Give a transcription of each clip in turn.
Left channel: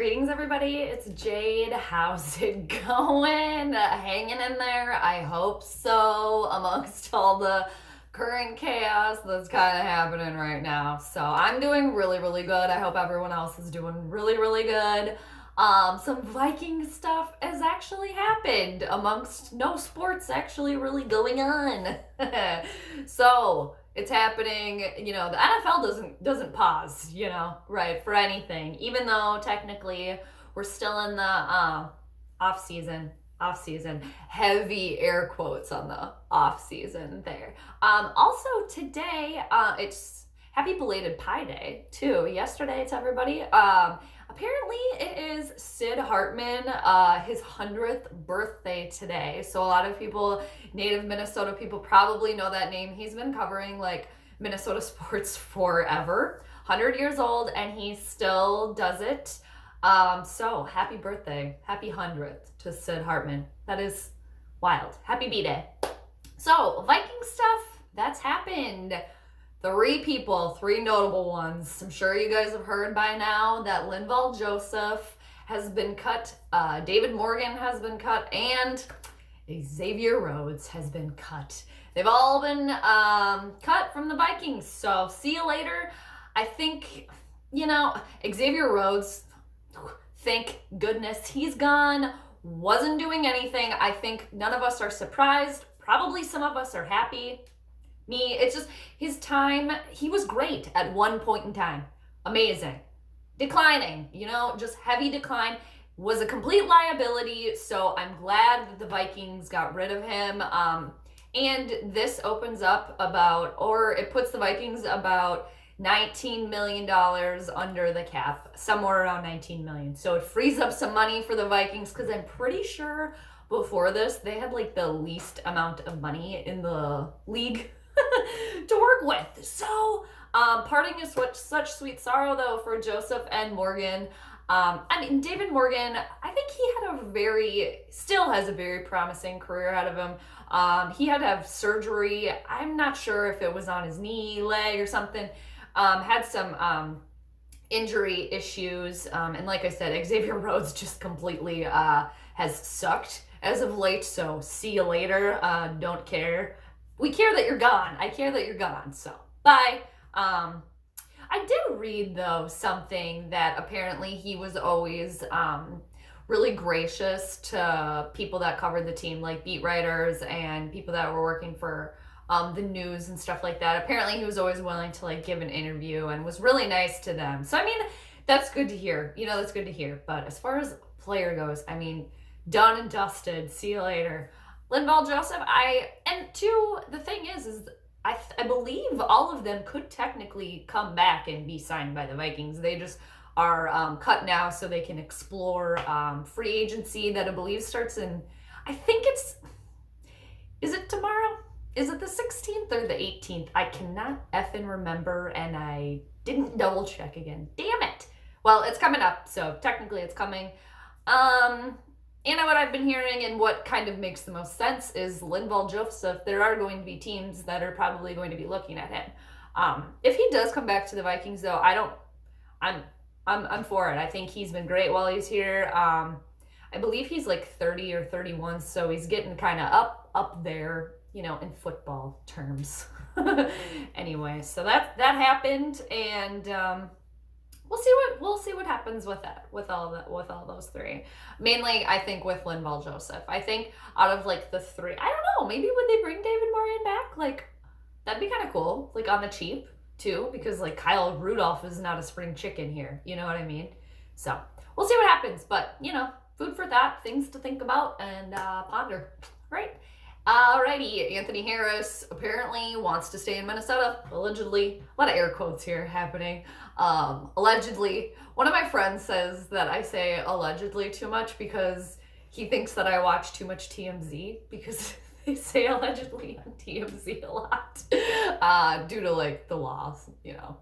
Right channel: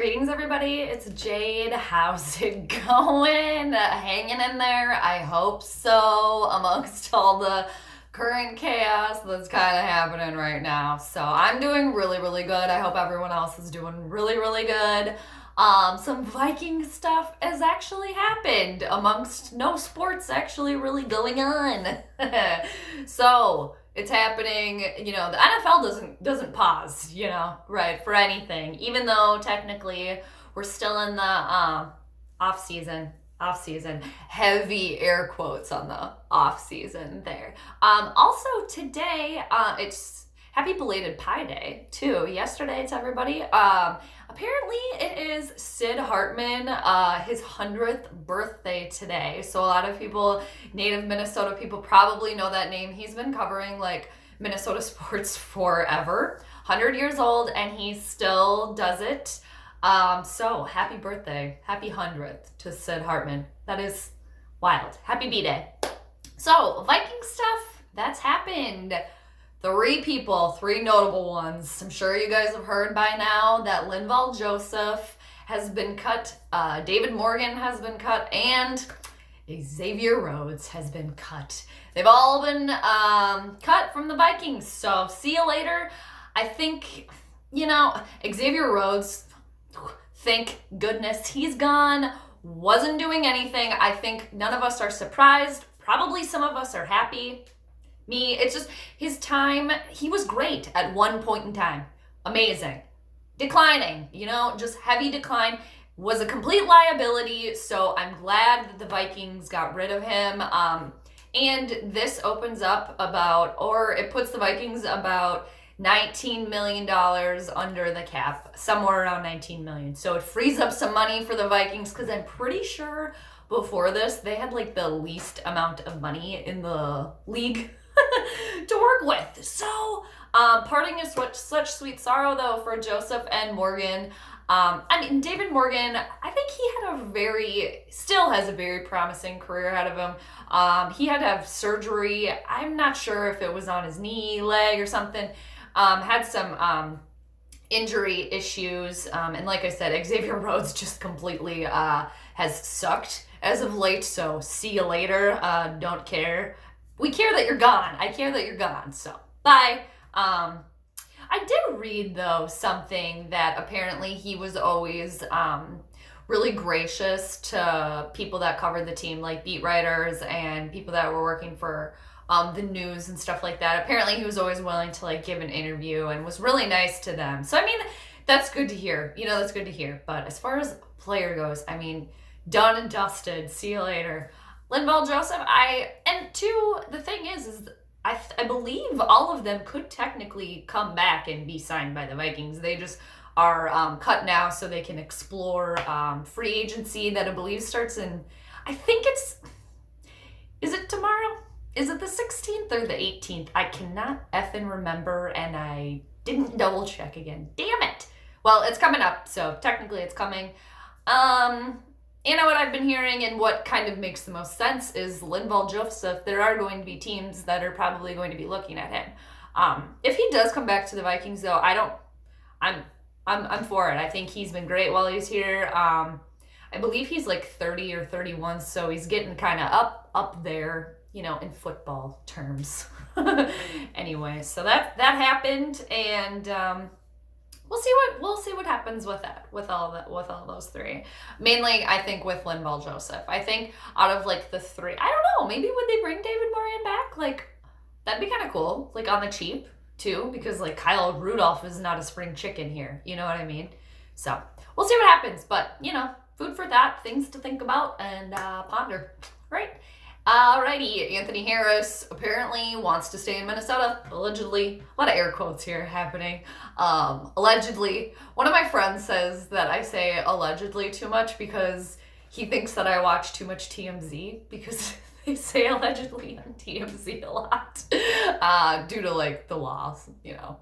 Greetings, everybody. It's Jade. How's it going? Hanging in there? I hope so, amongst all the current chaos that's kind of happening right now. So I'm doing really, really good. I hope everyone else is doing really, really good. Some Viking stuff has actually happened amongst no sports actually really going on. So it's happening, the NFL doesn't pause, right, for anything, even though technically we're still in the off season, heavy air quotes on the off season there. Also today, it's happy belated Pi Day too. Yesterday to everybody. Apparently it is Sid Hartman, his 100th birthday today. So a lot of people, native Minnesota people, probably know that name. He's been covering like Minnesota sports forever. 100 years old, and he still does it. So happy birthday, happy 100th to Sid Hartman. That is wild. Happy B-Day. So Viking stuff, that's happened. Three notable ones. I'm sure you guys have heard by now that Linval Joseph has been cut, David Morgan has been cut, and Xavier Rhodes has been cut. They've all been cut from the Vikings, so see you later. I think, Xavier Rhodes, thank goodness he's gone, wasn't doing anything. I think none of us are surprised. Probably some of us are happy. Me, it's just his time. He was great at one point in time. Amazing. Declining, just heavy decline. Was a complete liability. So I'm glad that the Vikings got rid of him. And this opens up it puts the Vikings about $19 million under the cap, somewhere around 19 million. So it frees up some money for the Vikings, because I'm pretty sure before this, they had like the least amount of money in the league to work with. So parting is such sweet sorrow though for Joseph and Morgan. David Morgan, I think he still has a very promising career ahead of him. He had to have surgery. I'm not sure if it was on his knee, leg, or something. Had some injury issues. And like I said, Xavier Rhodes just completely has sucked as of late. So see you later. Don't care. We care that you're gone. I care that you're gone. So bye. I did read though something that apparently he was always really gracious to people that covered the team, like beat writers and people that were working for the news and stuff like that. Apparently he was always willing to like give an interview and was really nice to them. So that's good to hear. That's good to hear. But as far as player goes, done and dusted. See you later. Linval Joseph, the thing is I believe all of them could technically come back and be signed by the Vikings. They just are cut now so they can explore free agency that I believe starts in, I think is it tomorrow? Is it the 16th or the 18th? I cannot effing remember, and I didn't double check again. Damn it. Well, it's coming up, so technically it's coming. What I've been hearing and what kind of makes the most sense is Linval Joseph. There are going to be teams that are probably going to be looking at him. If he does come back to the Vikings, though, I'm for it. I think he's been great while he's here. I believe he's like 30 or 31, so he's getting kind of up there, in football terms. Anyway, so that happened, and We'll see what happens with that, with all those three. Mainly, I think with Linval Joseph. I think out of like the three, I don't know, maybe would they bring David Morgan back? Like, that'd be kind of cool, like on the cheap too, because like Kyle Rudolph is not a spring chicken here. You know what I mean? So we'll see what happens, but food for thought, things to think about and ponder. Right? Alrighty, Anthony Harris apparently wants to stay in Minnesota, allegedly. A lot of air quotes here happening. Allegedly. One of my friends says that I say allegedly too much because he thinks that I watch too much TMZ, because they say allegedly on TMZ a lot due to like the laws,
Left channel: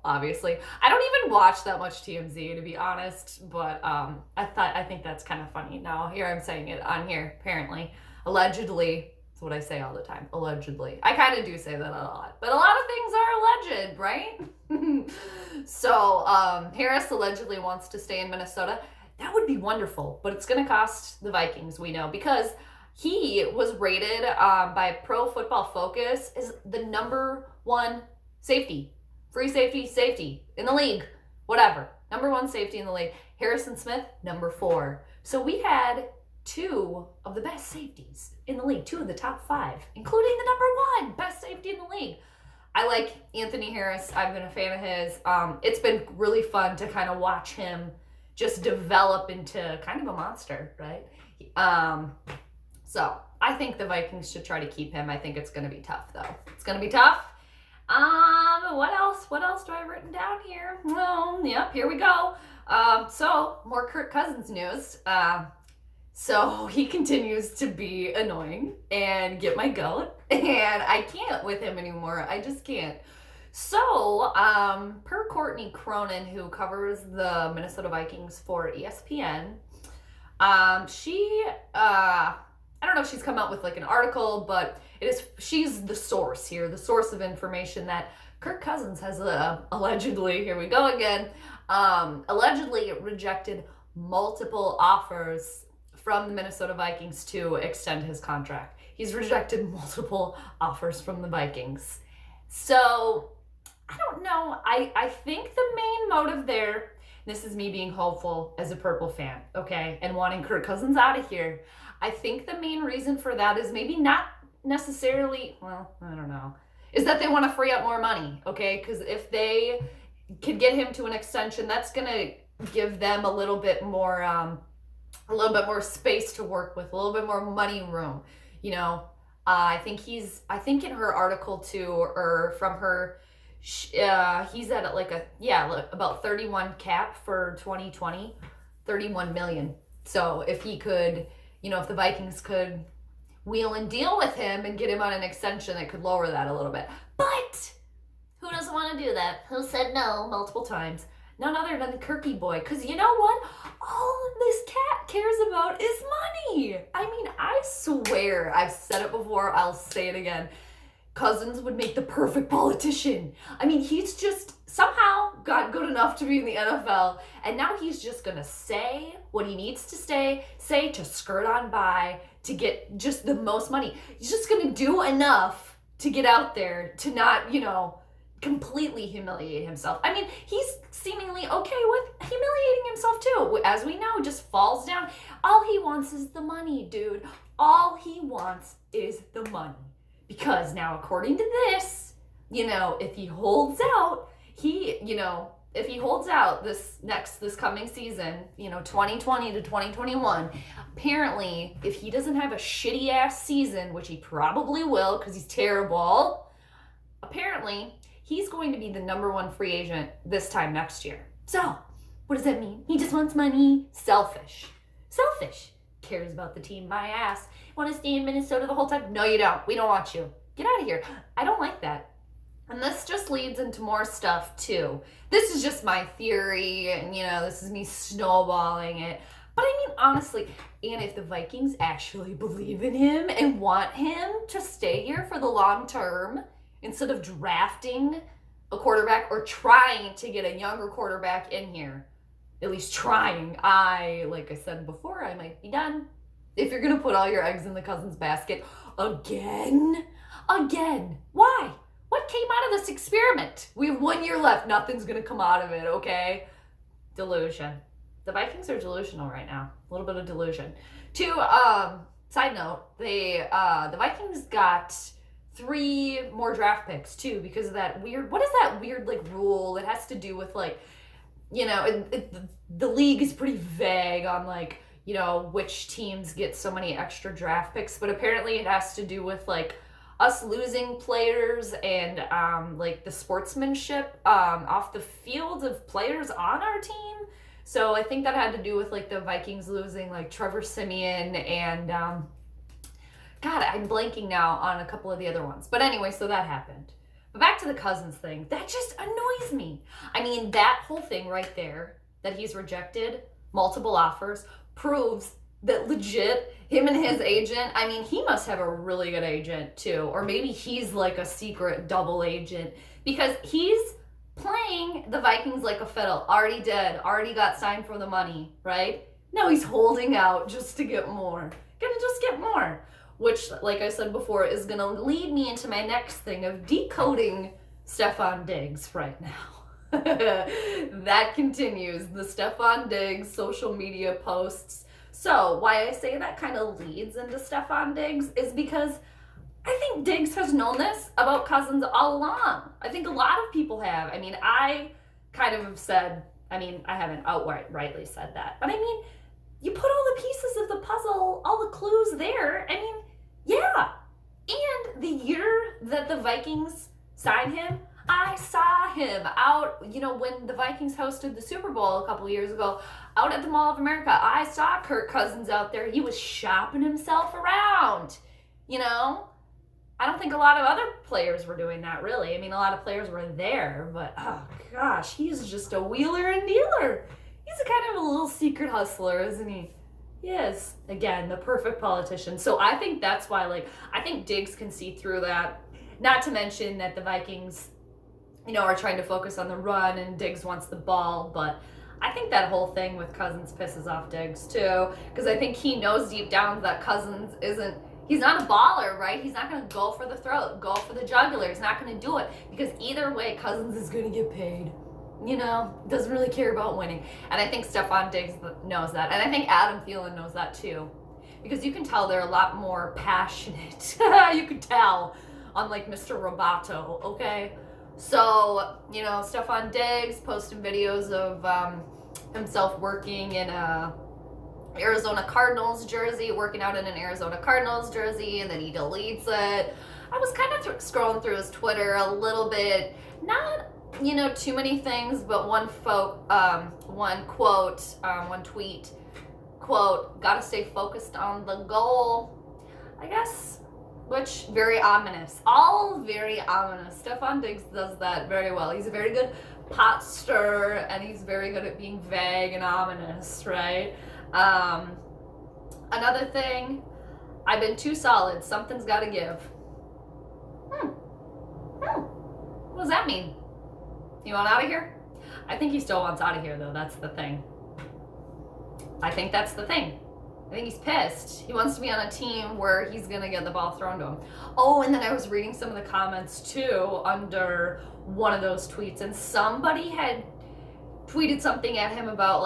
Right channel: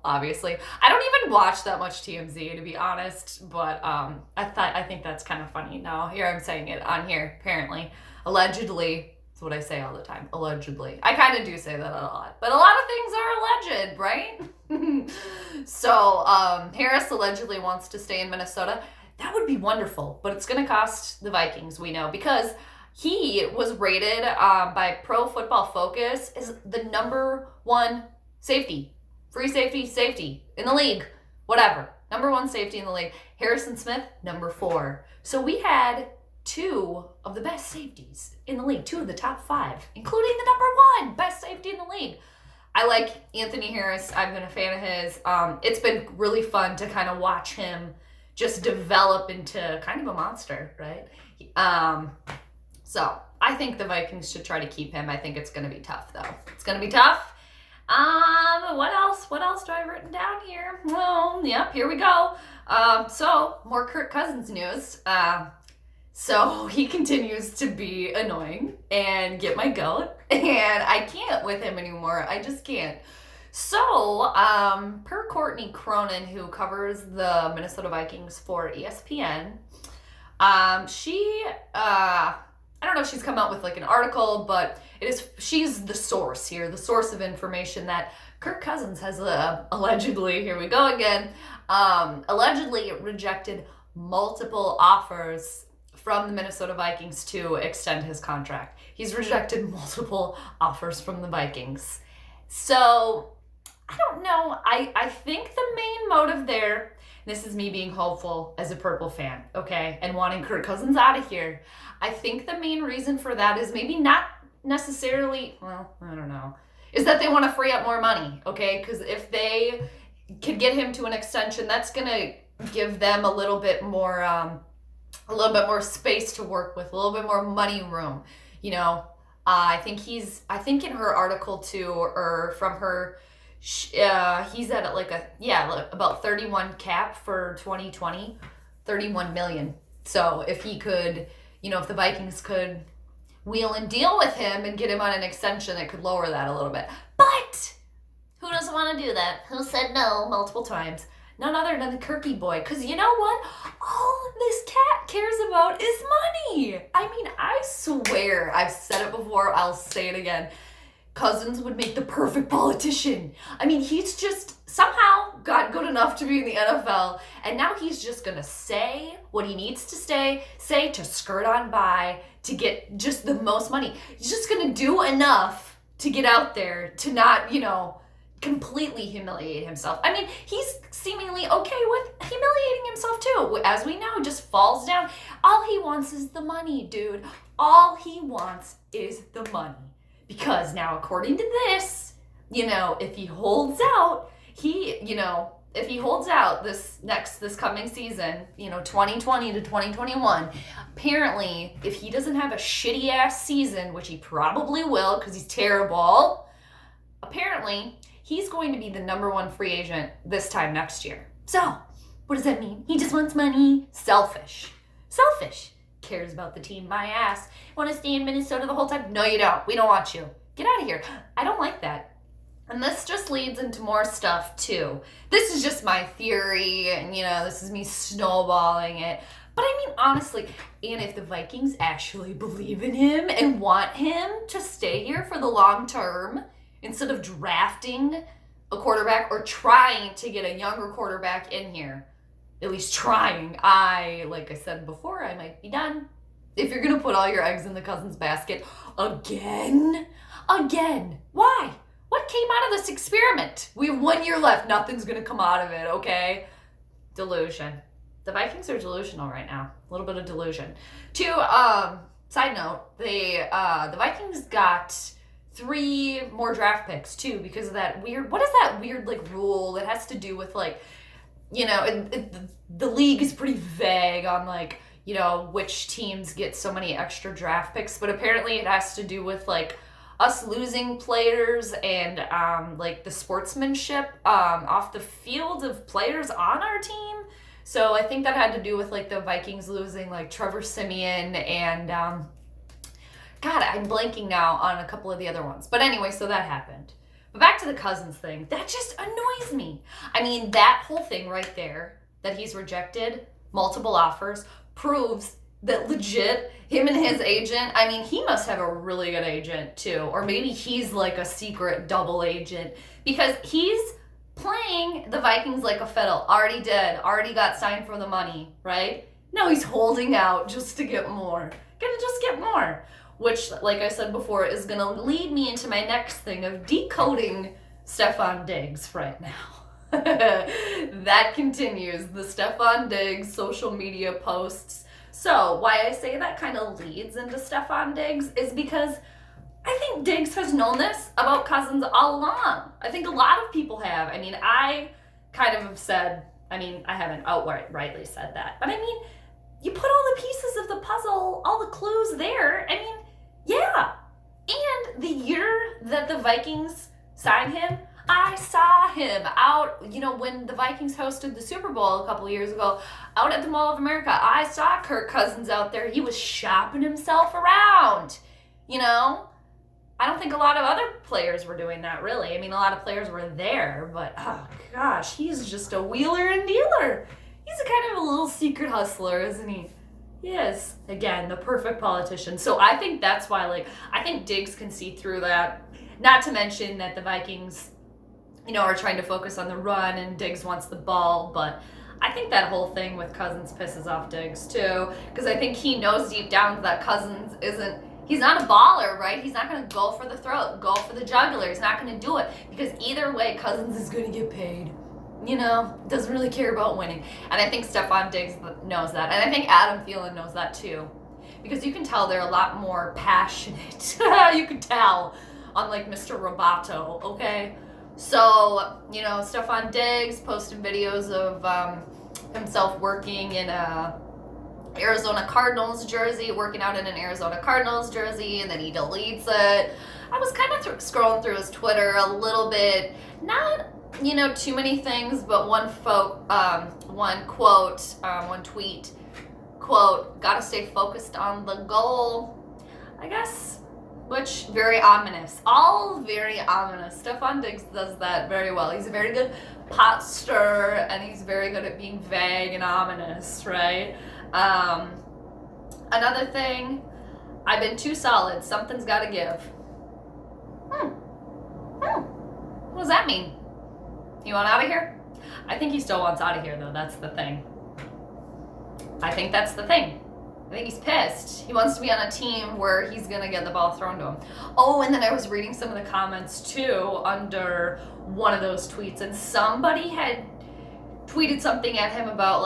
obviously. I don't even watch that much TMZ, to be honest, but I think that's kind of funny. Now here I'm saying it on here, apparently. Allegedly. That's what I say all the time. Allegedly. I kind of do say that a lot. But a lot of things are alleged, right? So, Harris allegedly wants to stay in Minnesota. That would be wonderful, but it's going to cost the Vikings, we know, because he was rated by Pro Football Focus as the number one safety, free safety in the league, whatever. Number one safety in the league. Harrison Smith, number 4. So we had 2 of the best safeties in the league, 2 of the top 5, including the number 1 best safety in the league. I like Anthony Harris. I've been a fan of his. It's been really fun to kind of watch him just develop into kind of a monster, right? So I think the Vikings should try to keep him. I think it's going to be tough, though. It's going to be tough. What else? What else do I have written down here? Well, yep, here we go. So more Kirk Cousins news. So he continues to be annoying and get my goat, and I can't with him anymore. I just can't. So, per Courtney Cronin, who covers the Minnesota Vikings for ESPN, I don't know if she's come out with like an article, but she's the source here, the source of information that Kirk Cousins has allegedly, here we go again, allegedly rejected multiple offers from the Minnesota Vikings to extend his contract. He's rejected multiple offers from the Vikings. So, I don't know. I think the main motive there, this is me being hopeful as a Purple fan, okay, and wanting Kirk Cousins out of here. I think the main reason for that is maybe not necessarily, well, I don't know, is that they want to free up more money, okay? Because if they could get him to an extension, that's going to give them a little bit more space to work with, a little bit more money room, you know. I think in her article too, or from her, he's at like about 31 cap for 2020, 31 million. So if he could, you know, if the Vikings could wheel and deal with him and get him on an extension, it could lower that a little bit. But who doesn't want to do that? Who said no multiple times? None other than the Kirky boy. Because you know what? All this cat cares about is money. I mean, I swear, I've said it before, I'll say it again. Cousins would make the perfect politician. I mean, he's just somehow got good enough to be in the NFL, and now he's just gonna say what he needs to say to skirt on by, to get just the most money. He's just gonna do enough to get out there, to not, you know, completely humiliate himself. I mean, he's seemingly okay with humiliating himself too. As we know, just falls down. All he wants is the money, dude. All he wants is the money. Because now, according to this, you know, if he holds out, this coming season, you know, 2020 to 2021, apparently, if he doesn't have a shitty ass season, which he probably will because he's terrible, apparently he's going to be the number 1 free agent this time next year. So, what does that mean? He just wants money. Selfish. Cares about the team, my ass. Want to stay in Minnesota the whole time? No, you don't. We don't want you. Get out of here. I don't like that. And this just leads into more stuff too. This is just my theory, and you know, this is me snowballing it. But I mean, honestly, and if the Vikings actually believe in him and want him to stay here for the long term, instead of drafting a quarterback or trying to get a younger quarterback in here, at least trying, like I said before, I might be done. If you're going to put all your eggs in the Cousins basket again, why? What came out of this experiment? We have 1 year left. Nothing's going to come out of it, okay? Delusion. The Vikings are delusional right now. A little bit of delusion. Side note, the Vikings got 3 more draft picks too because of that weird, what is that weird like rule that has to do with like, you know, the league is pretty vague on like, you know, which teams get so many extra draft picks, but apparently it has to do with like us losing players and like the sportsmanship off the field of players on our team. So I think that had to do with like the Vikings losing like Trevor Siemian and God, I'm blanking now on a couple of the other ones. But anyway, so that happened. But back to the Cousins thing, that just annoys me. I mean, that whole thing right there, that he's rejected multiple offers, proves that legit him and his agent, I mean, he must have a really good agent too. Or maybe he's like a secret double agent because he's playing the Vikings like a fiddle. Already did. Already got signed for the money, right? Now he's holding out just to get more. Gonna just get more. Which, like I said before, is gonna lead me into my next thing of decoding Stefon Diggs right now. That continues. The Stefon Diggs social media posts. So why I say that kind of leads into Stefon Diggs is because I think Diggs has known this about Cousins all along. I think a lot of people have. I mean, I kind of have said, I haven't outrightly said that, but I mean, you put all the pieces of the puzzle, all the clues there. I mean, yeah. And the year that the Vikings signed him, I saw him out, when the Vikings hosted the Super Bowl a couple of years ago, out at the Mall of America. I saw Kirk Cousins out there. He was shopping himself around, I don't think a lot of other players were doing that, really. I mean, a lot of players were there, but, oh, gosh, he's just a wheeler and dealer. He's a kind of a little secret hustler, isn't he? He is. Again, the perfect politician. So I think that's why, I think Diggs can see through that. Not to mention that the Vikings, are trying to focus on the run and Diggs wants the ball, but I think that whole thing with Cousins pisses off Diggs, too, because I think he knows deep down that Cousins he's not a baller, right? He's not going to go for the throat, go for the jugular. He's not going to do it because either way, Cousins is going to get paid. Doesn't really care about winning. And I think Stefon Diggs knows that. And I think Adam Thielen knows that too. Because you can tell they're a lot more passionate. You can tell, unlike Mr. Roboto, okay? So, Stefon Diggs posting videos of himself working in a Arizona Cardinals jersey, working out in an Arizona Cardinals jersey, and then he deletes it. I was kind of scrolling through his Twitter a little bit, not too many things, but one tweet, quote, gotta stay focused on the goal, I guess, which very ominous, all very ominous. Stefon Diggs does that very well. He's a very good pot stirrer, and he's very good at being vague and ominous, right? Another thing, I've been too solid. Something's got to give. What does that mean? You want out of here? I think he still wants out of here, though. That's the thing. I think that's the thing. I think he's pissed. He wants to be on a team where he's going to get the ball thrown to him. Oh, and then I was reading some of the comments, too, under one of those tweets, and somebody had tweeted something at him about,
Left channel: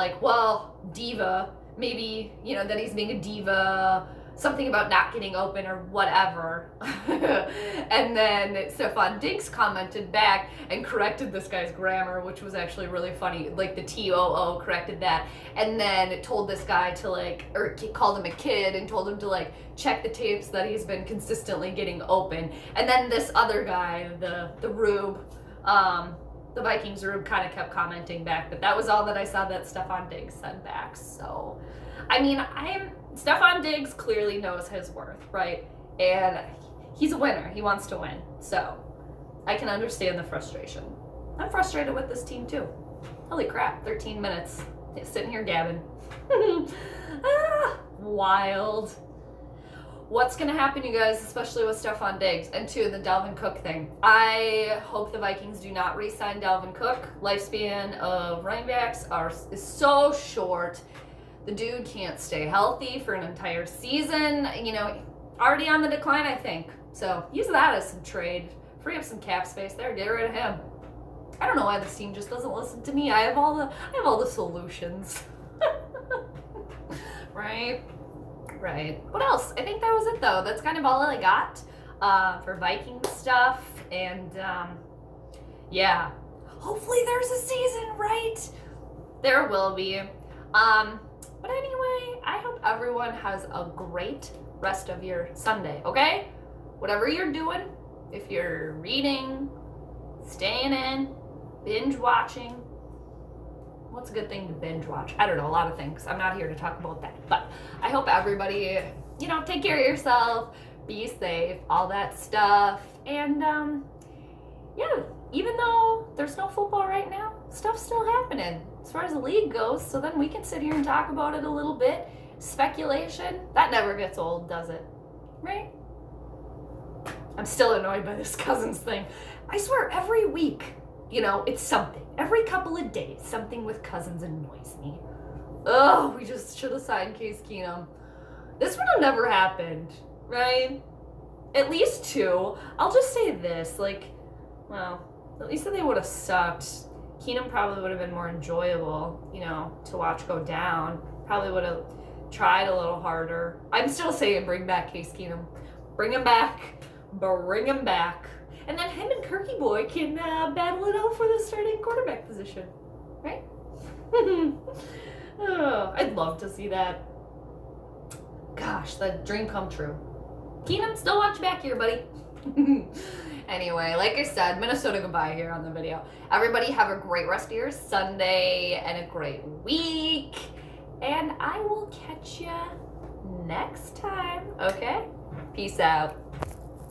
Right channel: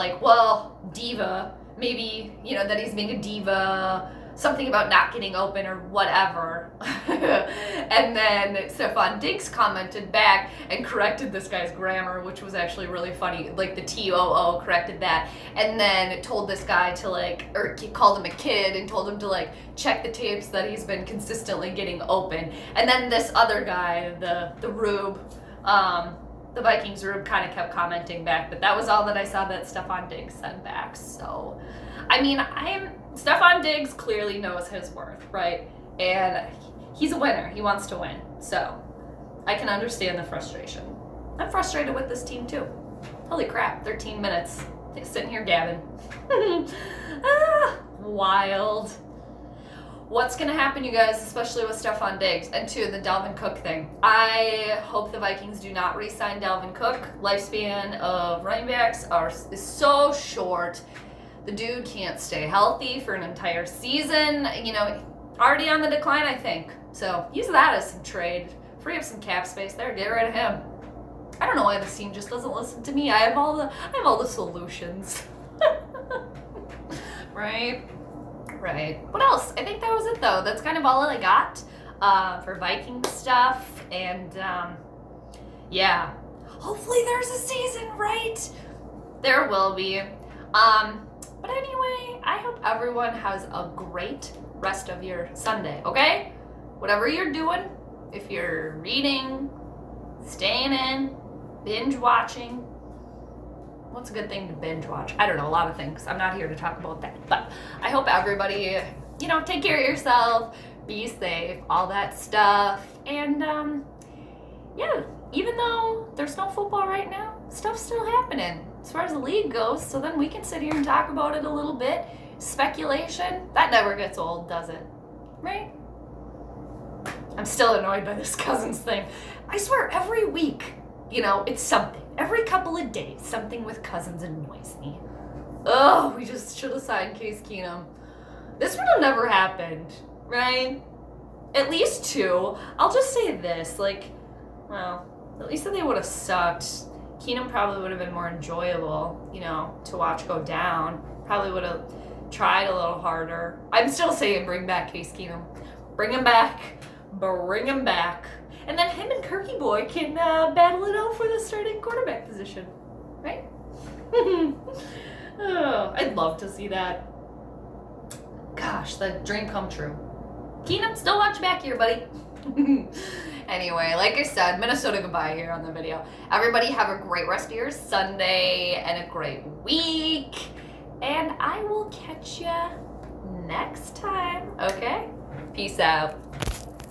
diva. Maybe, that he's being a diva, something about not getting open or whatever. And then Stefon Diggs commented back and corrected this guy's grammar, which was actually really funny. The TOO corrected that. And then told this guy or called him a kid and told him to check the tapes that he's been consistently getting open. And then this other guy, the Rube, the Vikings Rube kind of kept commenting back, but that was all that I saw that Stefon Diggs said back. So, Stefon Diggs clearly knows his worth, right? And he's a winner. He wants to win. So, I can understand the frustration. I'm frustrated with this team too. Holy crap, 13 minutes. Sitting here gabbing. Wild. What's going to happen, you guys, especially with Stefon Diggs, and the Dalvin Cook thing? I hope the Vikings do not re-sign Dalvin Cook. Lifespan of running backs is so short. The dude can't stay healthy for an entire season. Already on the decline, I think. So use that as some trade. Free up some cap space there. Get rid of him. I don't know why this team just doesn't listen to me. I have all the solutions. Right? Right. What else? I think that was it, though. That's kind of all I got for Viking stuff. And, yeah. Hopefully there's a season, right? There will be. But anyway, I hope everyone has a great rest of your Sunday, okay? Whatever you're doing, if you're reading, staying in, binge watching. What's a good thing to binge watch? I don't know, a lot of things. I'm not here to talk about that. But I hope everybody, take care of yourself, be safe, all that stuff. And, yeah, even though there's no football right now, stuff's still happening as far as the league goes. So then we can sit here and talk about it a little bit. Speculation, that never gets old, does it? Right? I'm still annoyed by this Cousins thing. I swear, every week it's something. Every couple of days, something with Cousins annoys me. Oh, we just should have signed Case Keenum. This would have never happened, right? At least 2. I'll just say this, at least if they would have sucked, Keenum probably would have been more enjoyable, to watch go down. Probably would have tried a little harder. I'm still saying bring back Case Keenum. Bring him back. Bring him back. And then him and Kirky Boy can battle it out for the starting quarterback position, right? Oh, I'd love to see that. Gosh, the dream come true. Keenum, still watch back here, buddy. Anyway, like I said, Minnesota goodbye here on the video. Everybody have a great rest of your Sunday and a great week. And I will catch ya next time, okay? Peace out.